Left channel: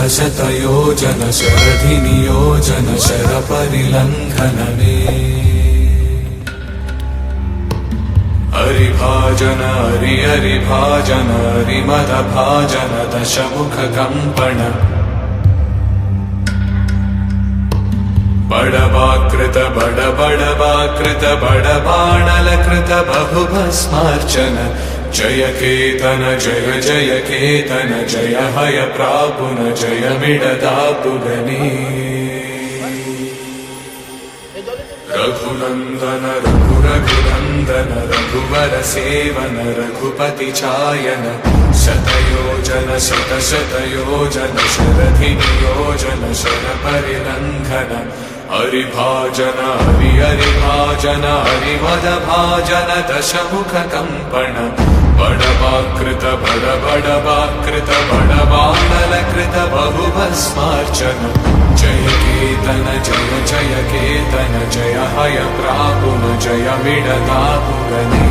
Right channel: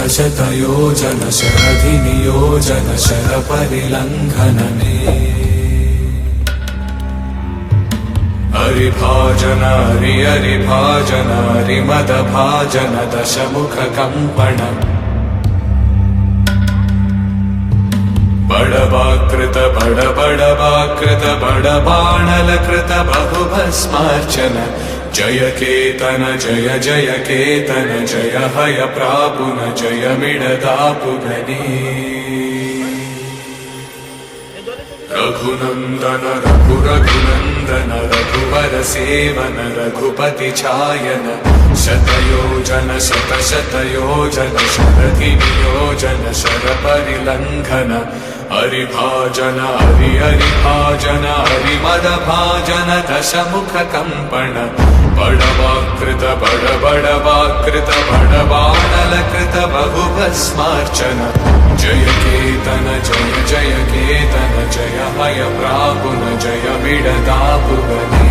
शतशतयोजन शरधिनियोजन शरपरिलङ्घनने हरिभाजन हरिभाजन हरिमदभाजन दशमुखकम्पण बडवाकृत बडबडवाकृत बडबाणलकृत बहुभस्मार्चन जय केतन जय जय केतन जय हय प्रापुन जय मिडदापुगने रघुनन्दन रघुरघुनन्दन रघुवर सेवन रघुपति चायन शतयोजन शतशतयोजन शरधिनियोजन शरपरिलङ्घन हरिभाजन हरिभाजन हरिमदभाजन दशमुखकम्पण बडवाकृत बडबडवाकृत बडबाणलकृत बहुभस्मार्चन जय केतन जय जय केतन जय हय प्रापुन जय मिडदापुगने।